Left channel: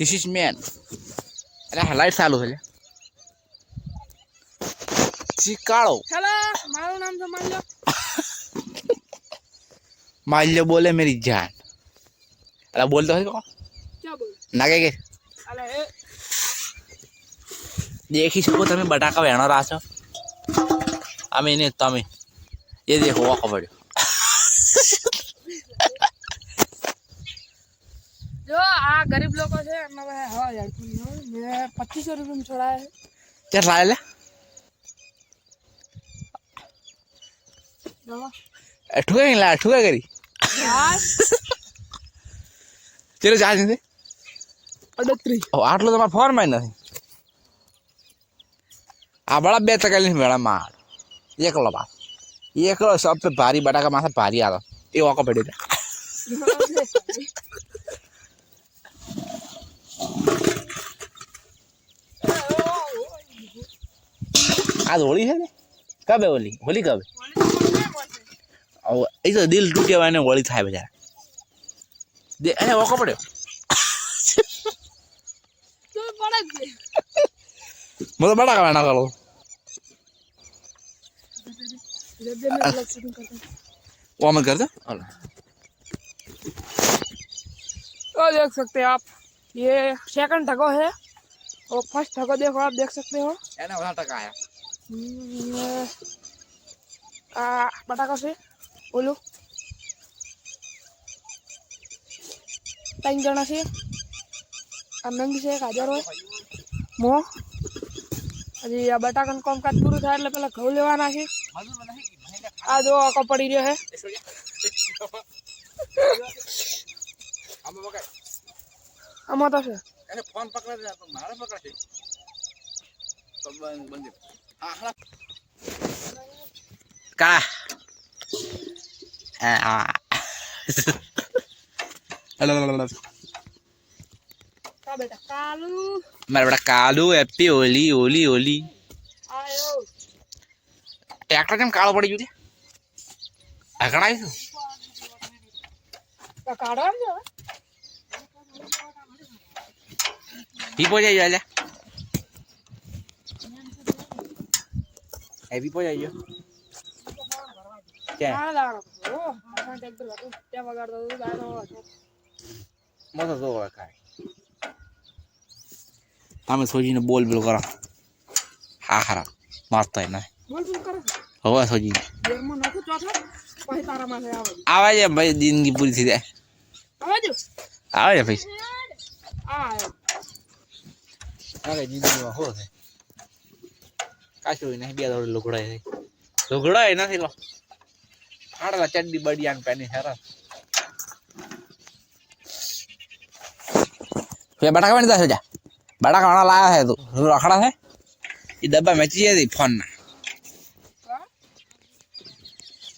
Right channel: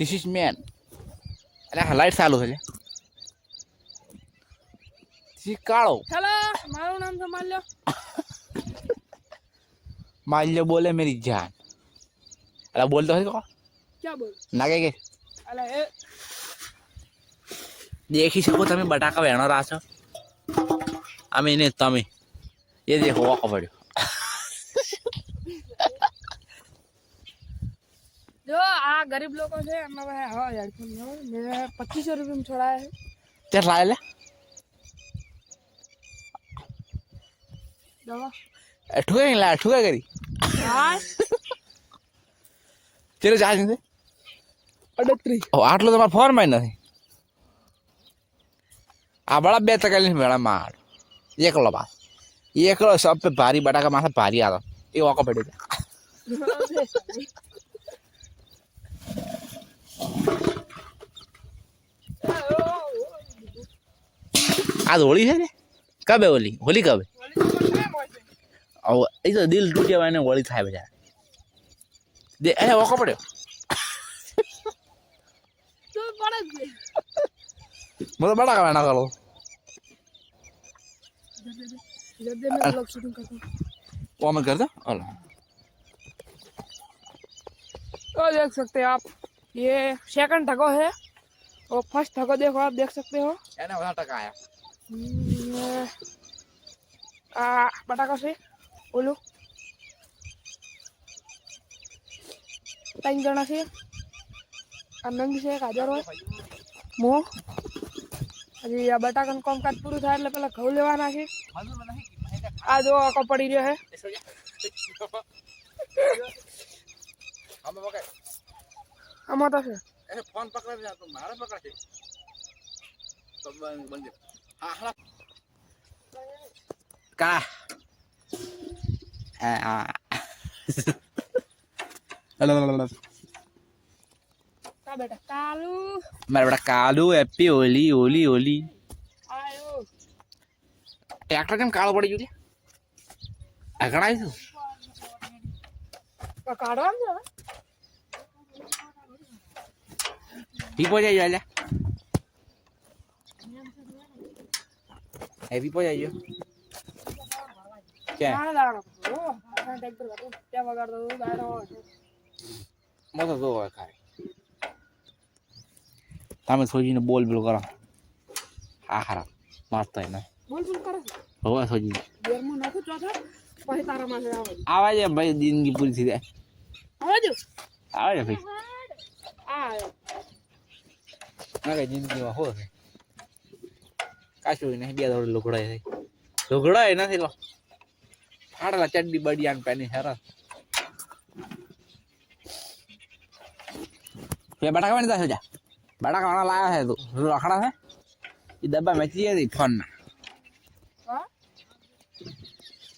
This is man. અરે light ચાલુ છે ચીકાળો હેલો મારું નામ છે માલ્યો બોલે मेरी जान અરે બોલતો है को क्या बोल ના કે અલે એ દેખી શકો તમે બટાકા વેણો રાછો અમે ને તમે ये देखो वाको પડ્યો जो आ गरीब लोगों से मैं हाँ हेडफोन मैं 2500 रुपये में छोड़ा है क्या लाया ले दवा ठुका करी यार चलो जा दे 38 ओ આટલો તમાર ફોન માં નથી આ બડા 2 ટકા લઈને મેળા માર એકલો બા એકલો સબ पे भारी बटाका माथा भारी आतो એ વાકો પડ્યો आज होली है कब है होली होली कब है ये तो दिल टूटे हुआ ने होली था बेचारा दे अरे वो कपड़े तो बड़ा मतलब बड़ा का ना करो वो मैं कर दो तो देख सकते हैं आप ये सेकंड टको है और फर्स्ट टको देखो आप देख सकते हो एना वाला टका आया बटाका से बोलो 3 जना से नंगी से 1000 હોય મો હજી આ બટાકાનું કામકાજ પૂરું થાય એટલે પેલા ઘઉં લેવાના છે આ જો આકો પડી રહ્યો છે આમાં તો છે ऐसे फोन पकड़ जा तो मारा पकड़ છે तो बंद हां हां का का बेटा कालू मारा बेटा कालू हैप्पी होली होली होली आयो ट्रैक्टर કેમ કાળો પડી ગયો છે આગળ આવ્યો તો કાઢવા દે પીપો જાય આલે એ પીપો જાય क्या ના લાવવાનો ઓ આ ટ્રેક્ટર વાળો ત્યાં વગાડતો તો દાડો વાળો મોટો તો ખાય તમે સોજીને બોલ બોલ કરો હા ખરા મારતા ના બોલ બોલ કરો હવે સોજી ઘરમાં નાખું ચોથો પછી તારા માં આવે આવા છે ભાઈ જિંદગી પૂરી થઈ જાય આવે જો આવે છે ભાઈ આયો અરે જિંદગીમાં હો છે કાચું ને બે દોડ લુગડાય નથી લો ફાડલા ચડ્ડી બડિયાન પેની હેરા ये बटाका बन दस जा बटाका खाना लाया है तू रखड़ा है ये डब्बा में चाहिए थी फोन ना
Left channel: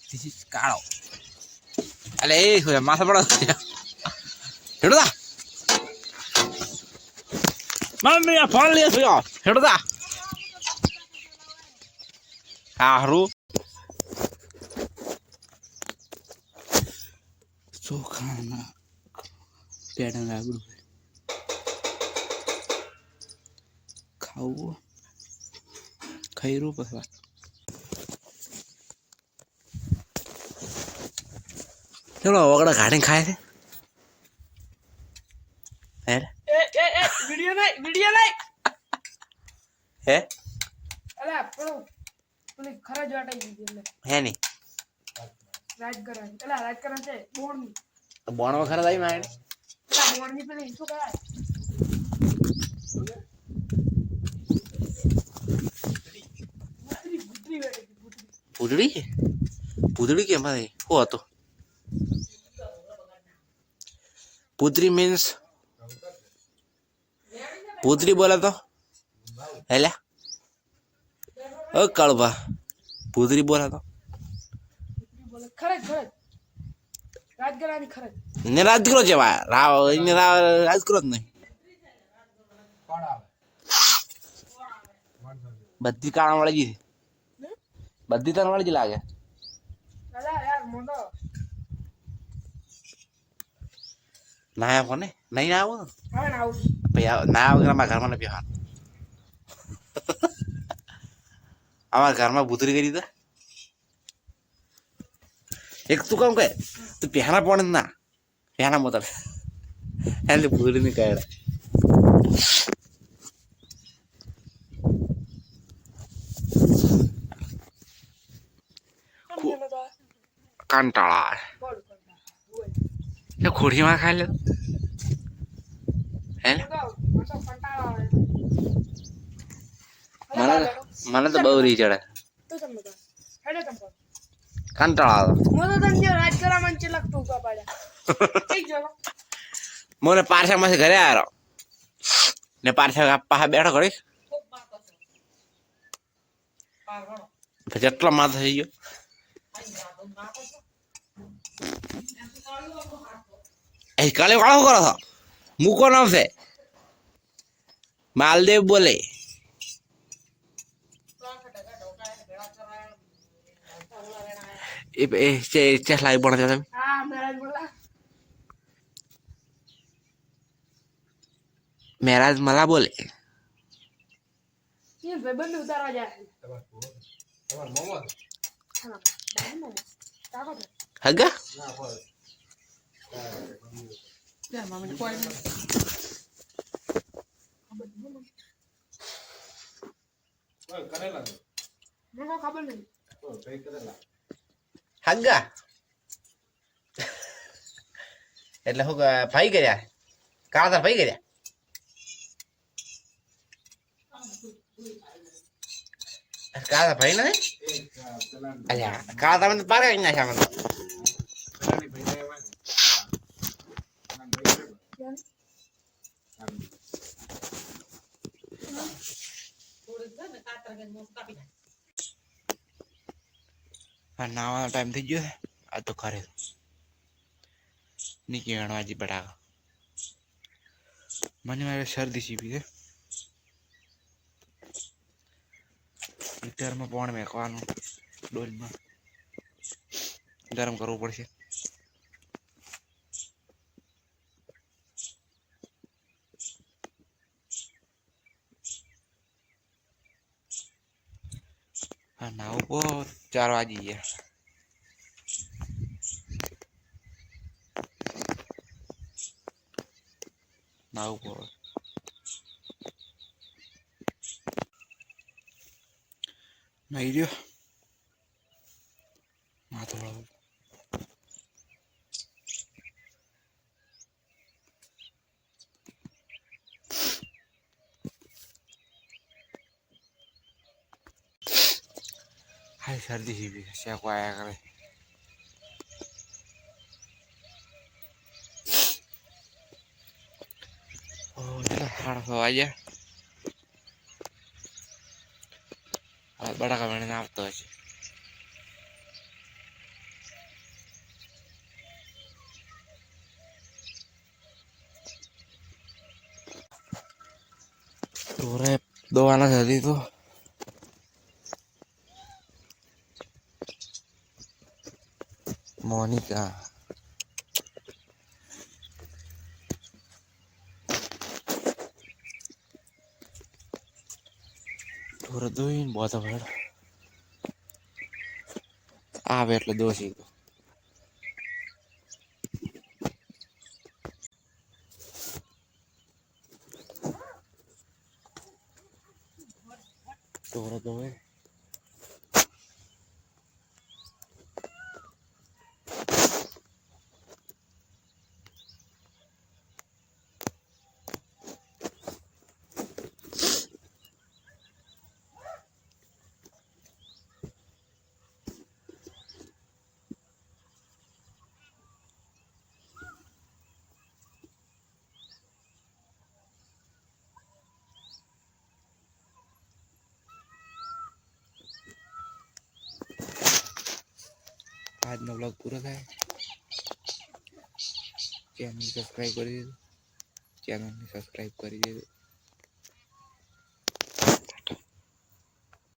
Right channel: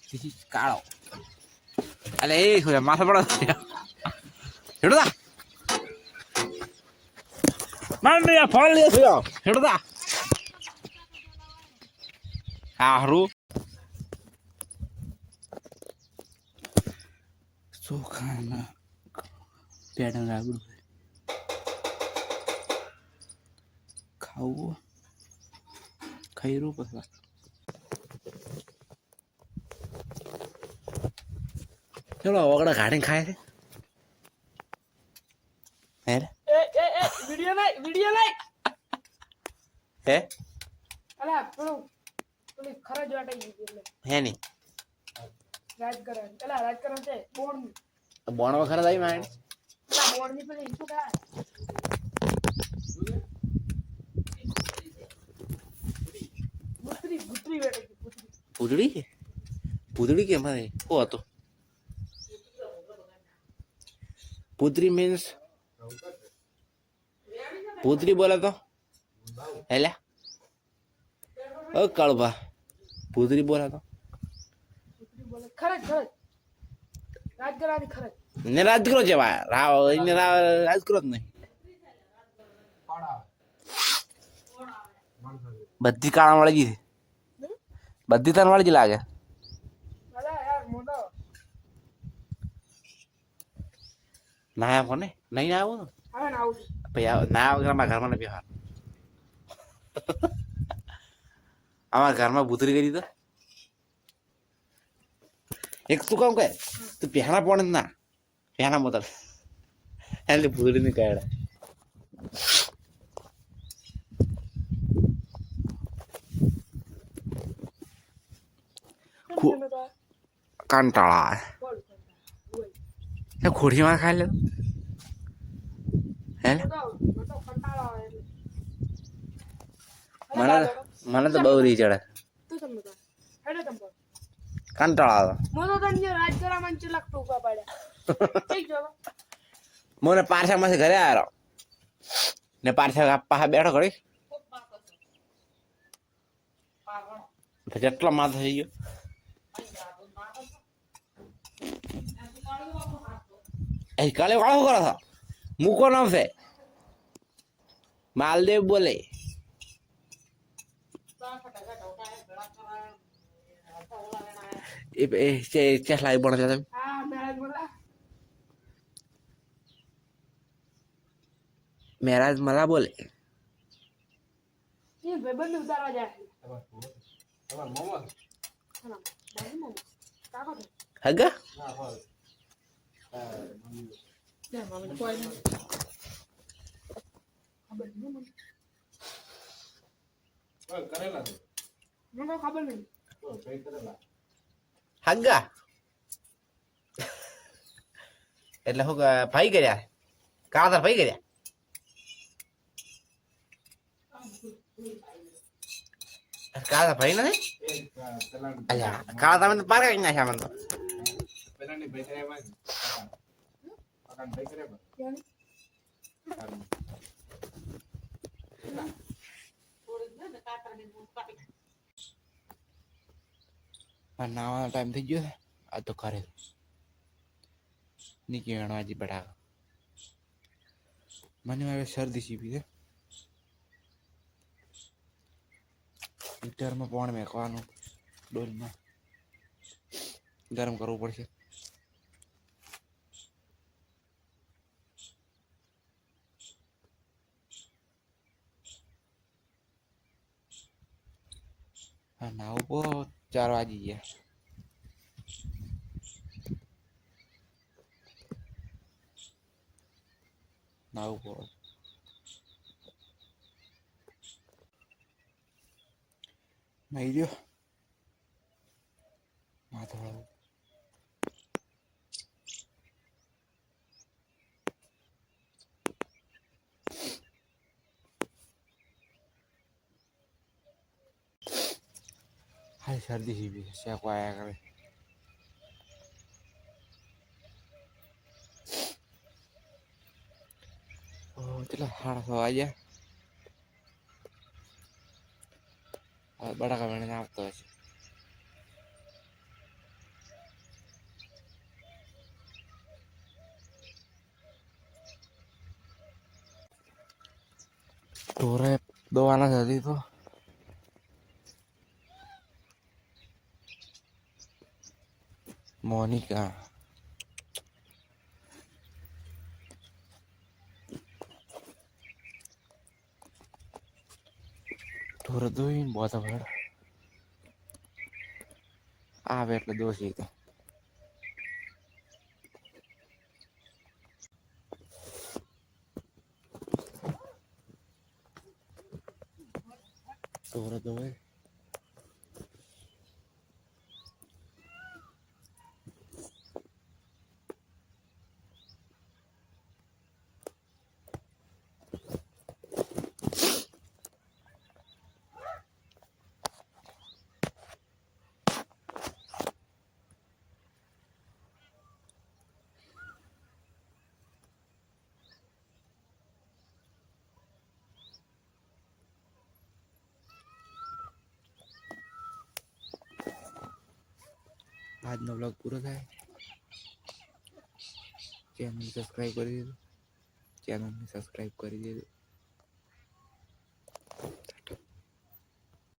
किसी काढ़ो अरे ये हो माथा बड़ा हेडो दा मम्मी या फोन लिया सुयो हेडो दा हारू चोखाना पेड़ा राबड़ू खाऊ खैरू पसवा चलो वगड़ा गाड़ी खाए थे है ए वीडियो नहीं है અલા પેલો પેલી ખરા જ વાટાઈ ગઈ એટલે है नहीं રાજકરણ અલા રાજકરણ છે બોર્ડ बोण में खरा दाई मार અલા બોર્ડ ની પેલી શું કહે ગુતરી વેટે પૂતળી પૂતળી કેમ ભાઈ કો હતો પૂતળી મીન્સ પૂતળી બોલે તો હેલા ઓ કાળભા પૂતળી બોલે તો બોલે ખરજ રાજગરાની ખરજ ને રાજગરો છે રાવ ને રાજગરો જ નહીં બધી કાળા વાળી ગઈ બધી તન વાળી જ લાગે અલા યાર મોટો ના કોને નહીં આવો હવે ના આવું ભાઈ ના વગર અમારા ઘરમાં નથી બેહવાનું. અમારા ઘરમાં ભૂતરી કરી તો એક તું કામ કહે તું પહેલા પણ ના પહેલા મોતર એટલે ભૂતરી ની કાઢે કંટાળા એ ખોડીમાં ખાઈ લે હે મને તો બહુ રી ચડે કંટાળા મને પારસા માંથી ઘરે આવ્યો ને પારસા પાસે બેઠો ઘડી જેટલો માથો થઈ ગયો એ કાલે કાળો કરો છો મૂકો નામ છે માલદેવ બોલે લાઈવ બનો છો તમે મહારાજ मला બોલે હગા હગા એટલે શું ભાઈ કર્યા કાળા ભાઈ કર્યા કાળા ભાઈ નથી અલ્યા કાળા તમે પાર કાઢી નાખ્યા મને નાવાનો ટાઈમ થઈ ગયો આ તો ખરે નીકળવાનો હજી બટાકા મને મારે શરદી સીપી છે હીટરમાં પાણી મેકવાનું ડોલમાં ગરમ કરવું પડશે હા નાવું પો 4 વાગી ગયા નાવું પો નહીં રહ્યો માથું હળવું હાય શરદી સીવી શેકો આયા કરે એટલે 6:30 વાગ્યા બટાકા વેણીને આવતો હશે ઢોરે દોવાના હતી તો મોનિકા ઢોરે દોઈને બોતા ભેડ આવે એટલે દોશી તો ઢોરે દોવે આજનો બ્લોગ પૂરો થાય ચેનલ સબસ્ક્રાઈબ કરી દેજો